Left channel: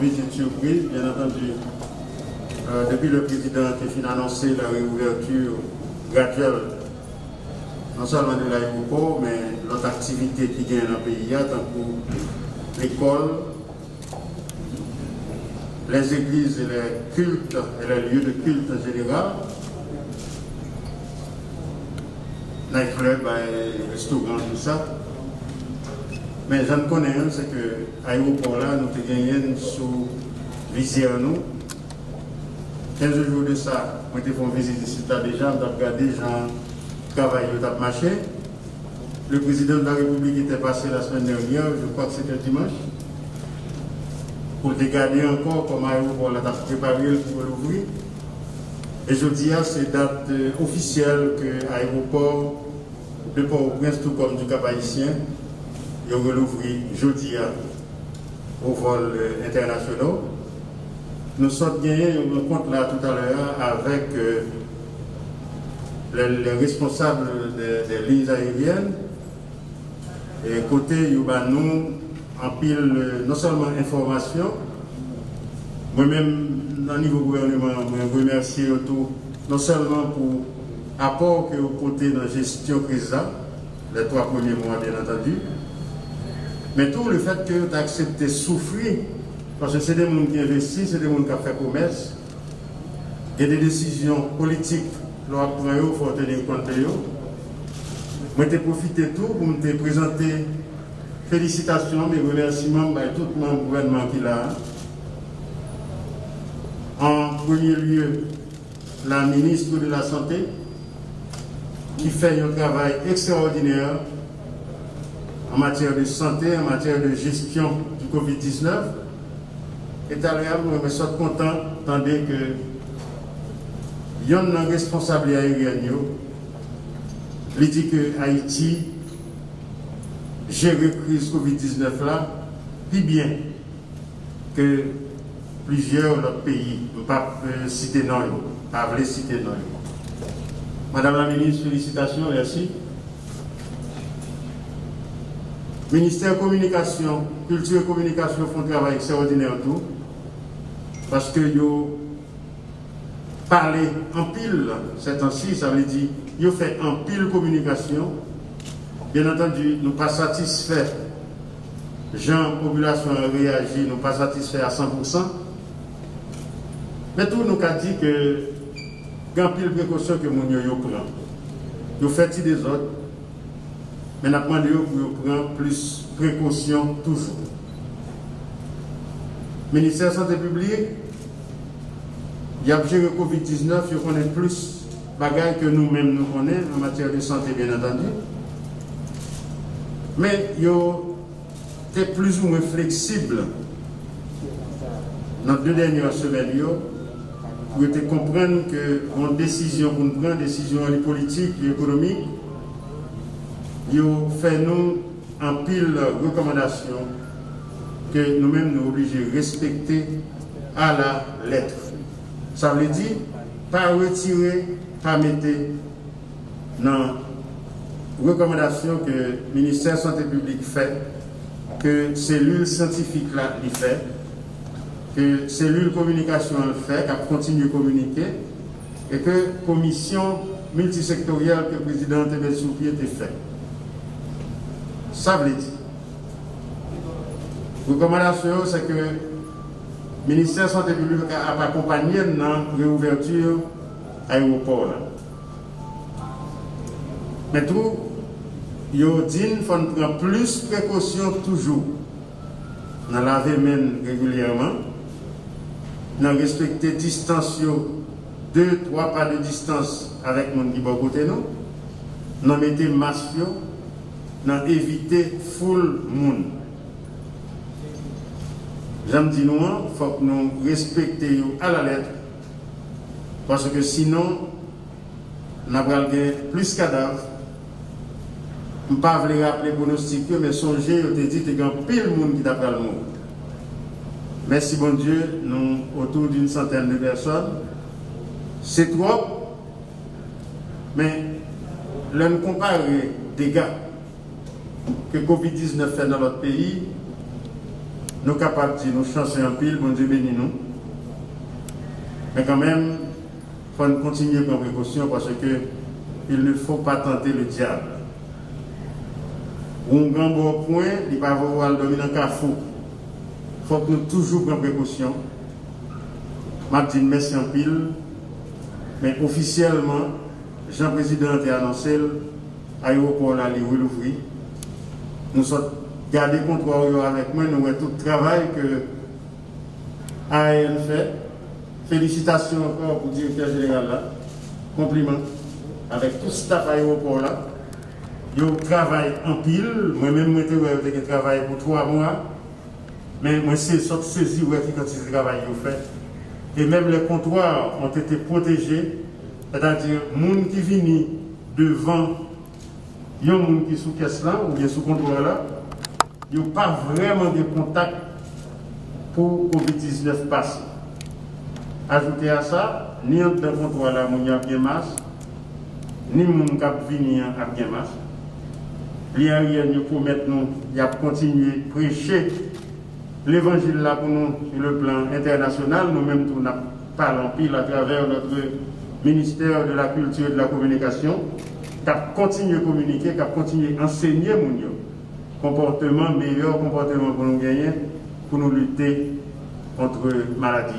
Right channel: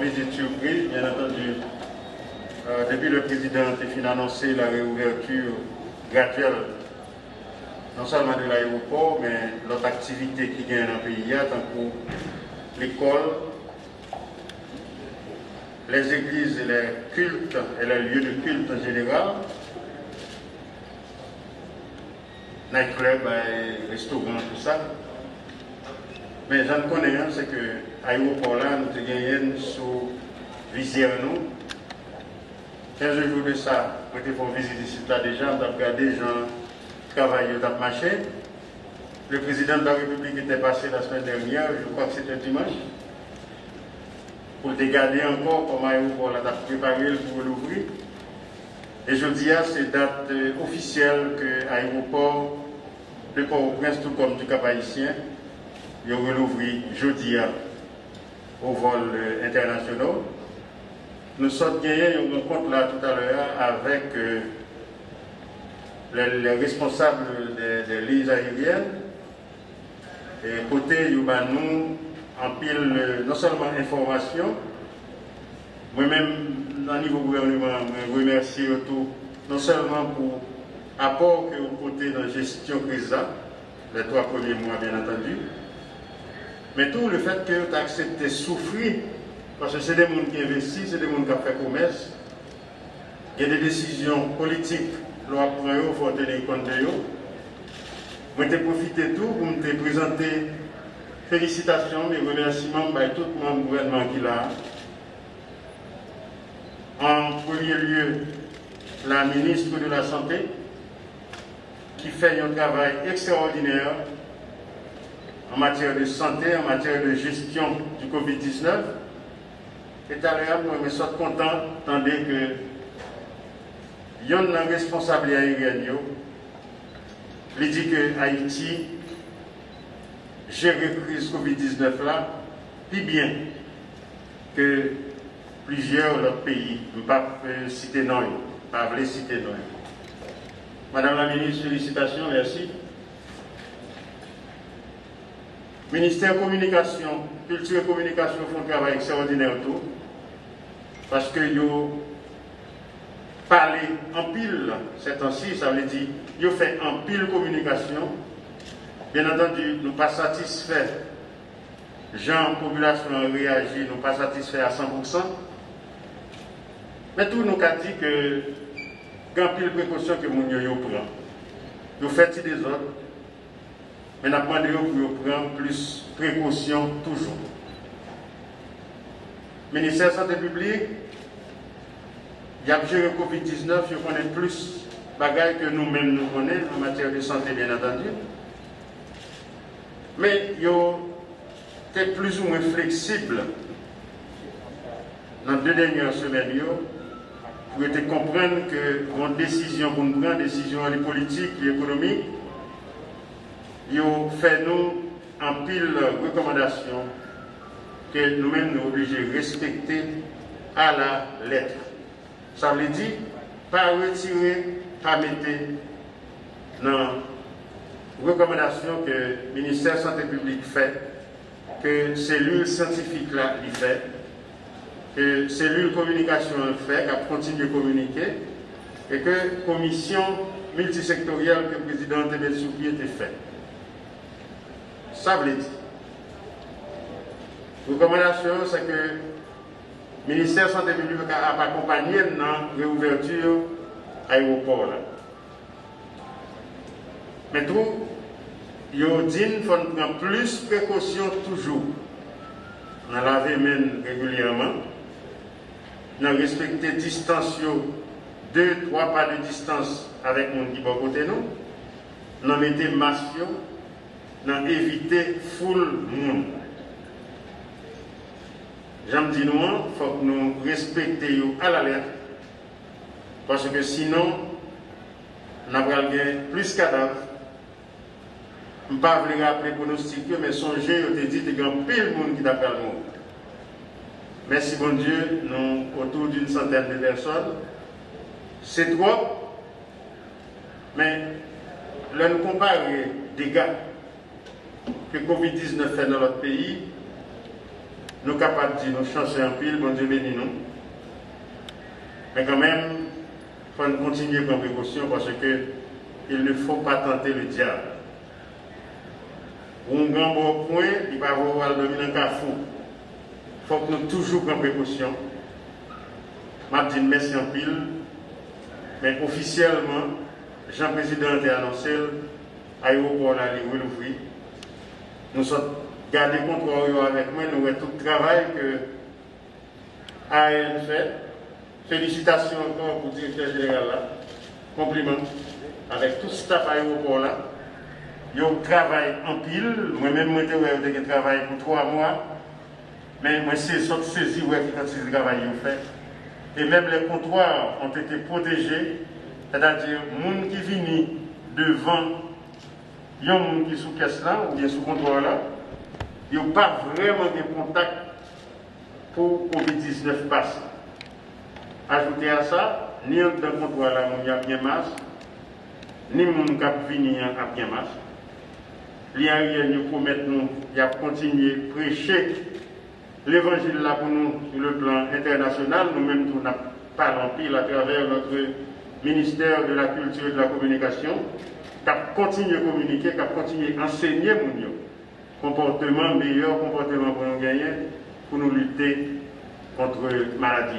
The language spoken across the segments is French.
une visite surprise, bien entendu. Depuis le président a annoncé la réouverture graduelle, non seulement de l'aéroport, mais l'autre activité qui gagne dans le pays, tant que l'école, les églises et les cultes et les lieux de culte en général, nightclub et restaurants, tout ça. Mais je ne connais rien, c'est que l'aéroport là, nous avons gagné sous visière nous. 15 jours de ça, nous avons fait une visite ici déjà, nous avons regardé les gens travailler, nous avons marché. Le président de la République était passé la semaine dernière, je crois que c'était dimanche, pour regarder encore comment l'aéroport a préparé pour l'ouvrir. Et je dis à c'est date officielle que l'aéroport, le Port-au-Prince, tout comme du Cap-Haïtien, il va l'ouvrir jeudi au vol international. Nous sommes gagnés une rencontre là tout à l'heure avec les responsables des lignes aériennes. Et côté nous en pile non seulement information, moi-même au niveau gouvernement, je remercie tout, non seulement pour l'apport que vous côté dans la gestion crise, les 3 premiers mois bien entendu, mais tout le fait que vous avez accepté de souffrir, parce que c'est des gens qui investissent, c'est des gens qui ont fait commerce, il y a des décisions politiques, il faut tenir compte de eux. Je vais profiter de tout pour me présenter félicitations, mes remerciements à tout mon gouvernement qui est là. En premier lieu, la ministre de la Santé, qui fait un travail extraordinaire en matière de santé, en matière de gestion du Covid-19. Et à l'heure, je me suis content d'entendre que il y a un responsable aérien, il dit que Haïti gère la crise Covid-19 là, plus bien que plusieurs autres pays. Je ne vais pas citer non, pas citer non. Madame la ministre, félicitations, merci. Ministère de Communication, Culture et Communication font un travail extraordinaire tout. Parce que yo parler en pile, c'est ainsi, ça veut dire, yo fait en pile communication. Bien entendu, nous pas satisfaits. Gens, population a réagi, nous pas satisfaits à 100%. Mais tout nous a dit que grand pile précaution que mon yo prend. Yo fait des autres. Mais nous avons demandé pour prendre plus précaution toujours. Le ministère de la Santé publique, il y a géré le Covid-19, il connaît plus de bagages que nous-mêmes nous connaissons en matière de santé, bien entendu. Mais il était plus ou moins flexible dans les 2 dernières semaines pour comprendre que une décision, pour prendre une décision politique et économique, il fait nous en pile recommandations que nous-mêmes nous obligés de respecter à la lettre. Ça veut dire, pas retirer, pas mettre dans les recommandations que le ministère de la Santé publique fait, que cellule scientifique là il fait, que cellule communication le fait, qu'elle continue de communiquer, et que la commission multisectorielle que le président Tebet Souki était fait. Ça veut dire. La recommandation, c'est que le ministère de la Santé publique a accompagné dans la réouverture de l'aéroport. Mais tout, il dit qu'il faut prendre plus de précautions toujours. On laver les mains régulièrement. On respecter la distance, 2-3 pas de distance avec les gens qui sont à côté de nous. On mettre masque, on éviter foule monde. J'aime dire nous, il faut que nous respections à la lettre. Parce que sinon, on a plus de cadavres. Je ne vais pas rappeler pronostic, mais songez, je te dis qu'il y a pile de monde qui t'a le monde. Merci bon Dieu, nous autour d'une centaine de personnes. C'est trop, mais là nous comparons les dégâts que Covid-19 fait dans notre pays. nous sommes capables de dire nous chancer en pile, bon Dieu bénis nous. Mais quand même, il faut continuer à prendre précaution parce qu'il ne faut pas tenter le diable. Ou un grand bon point, il ne va pas avoir dormir dans le carrefour. Il faut que nous toujours prenions précaution. Je dis merci en pile, mais officiellement, Jean-Président a annoncé l'aéroport là, il va l'ouvrir. Nous sommes gardés contre avec moi, nous avons tout le travail que AN fait. Félicitations encore pour le directeur général là. Compliments avec tout le staff aéroport là. Ils ont travaillé en pile. Moi-même, j'ai travaillé pour 3 mois. Mais moi, c'est sorti saisi quand ils travaillent fait. Et même les comptoirs ont été protégés. C'est-à-dire, les gens qui viennent devant, il y a des gens qui sont sous caisse là, ou bien sous comptoir là, ils n'ont pas vraiment de contact pour Covid-19 passer. Ajouter à ça, ni dans le comptoir là, il y a bien masque, ni les gens qui viennent à bien masque. L'IARIA nous promet nous, il a continué à prêcher l'évangile là pour nous sur le plan international. Nous-mêmes, nous parlons pile à travers notre ministère de la Culture et de la Communication, qui a continué à communiquer, qui a continué à enseigner mon comportement, meilleur comportement pour nous gagner, pour nous lutter contre la maladie.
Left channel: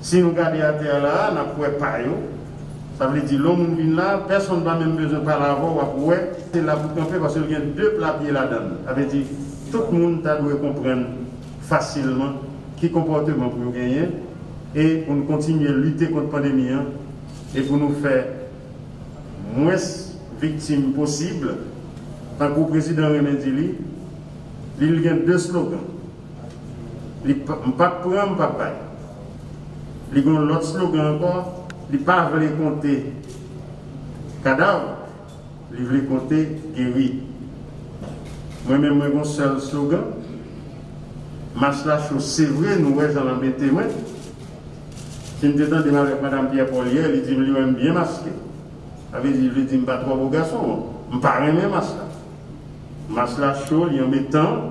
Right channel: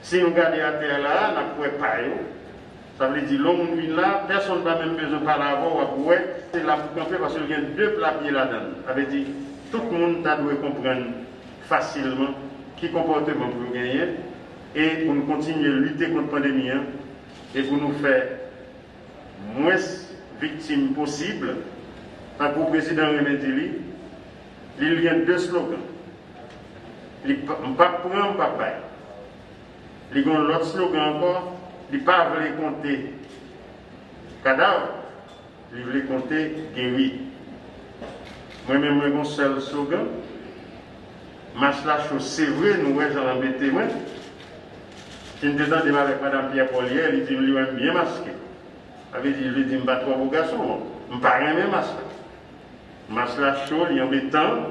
Si nous regardons à terre là, nous ne pouvons pas. Ça veut dire que l'homme vient là, personne n'a même besoin de parler avant, c'est là pour camper parce qu'il y a 2 plats pieds là-dedans. Ça veut dire que tout le monde doit comprendre facilement qui comportement pour nous gagner et pour nous continuer à lutter contre la pandémie et pour nous faire moins victimes possibles. Tant que le président René Dili, il y a 2 slogans. Il ne peut pas prendre, pas bailler. Il y a l'autre slogan encore. Il ne pas voulu compter cadavre, il voulait compter guéri. Moi-même, j'ai un seul slogan. Marche la chose, c'est vrai, nous, j'en embêté, moi. Si je me dis avec Mme Pierre Paulier, il dit, je suis bien masqué. Il dit, je ne dis pas trop beau garçon, je ne pas rien masqué. Marche la chose, il y a un temps,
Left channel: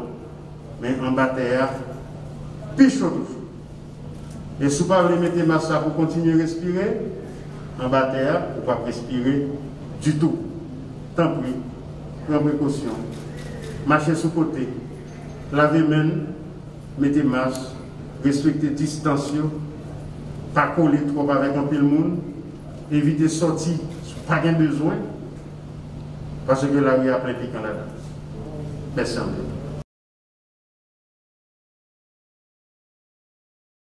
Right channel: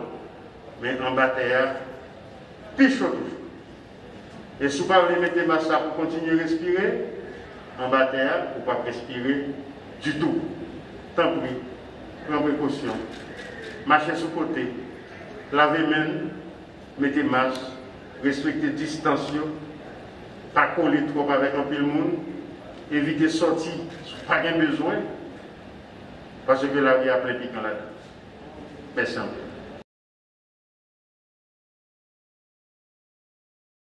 mais en bataille, plus chaud toujours. Et si vous ne voulez mettre masque pour continuer à respirer, en bataille, vous ne pouvez pas respirer du tout. Tant pis, prenez précaution. Marchez sous côté, lavez main, mettez masque, respectez distanciation, pas coller trop avec un pile monde, évitez de sortir, pas de besoin, parce que la vie a plein piquant là-dedans. Merci.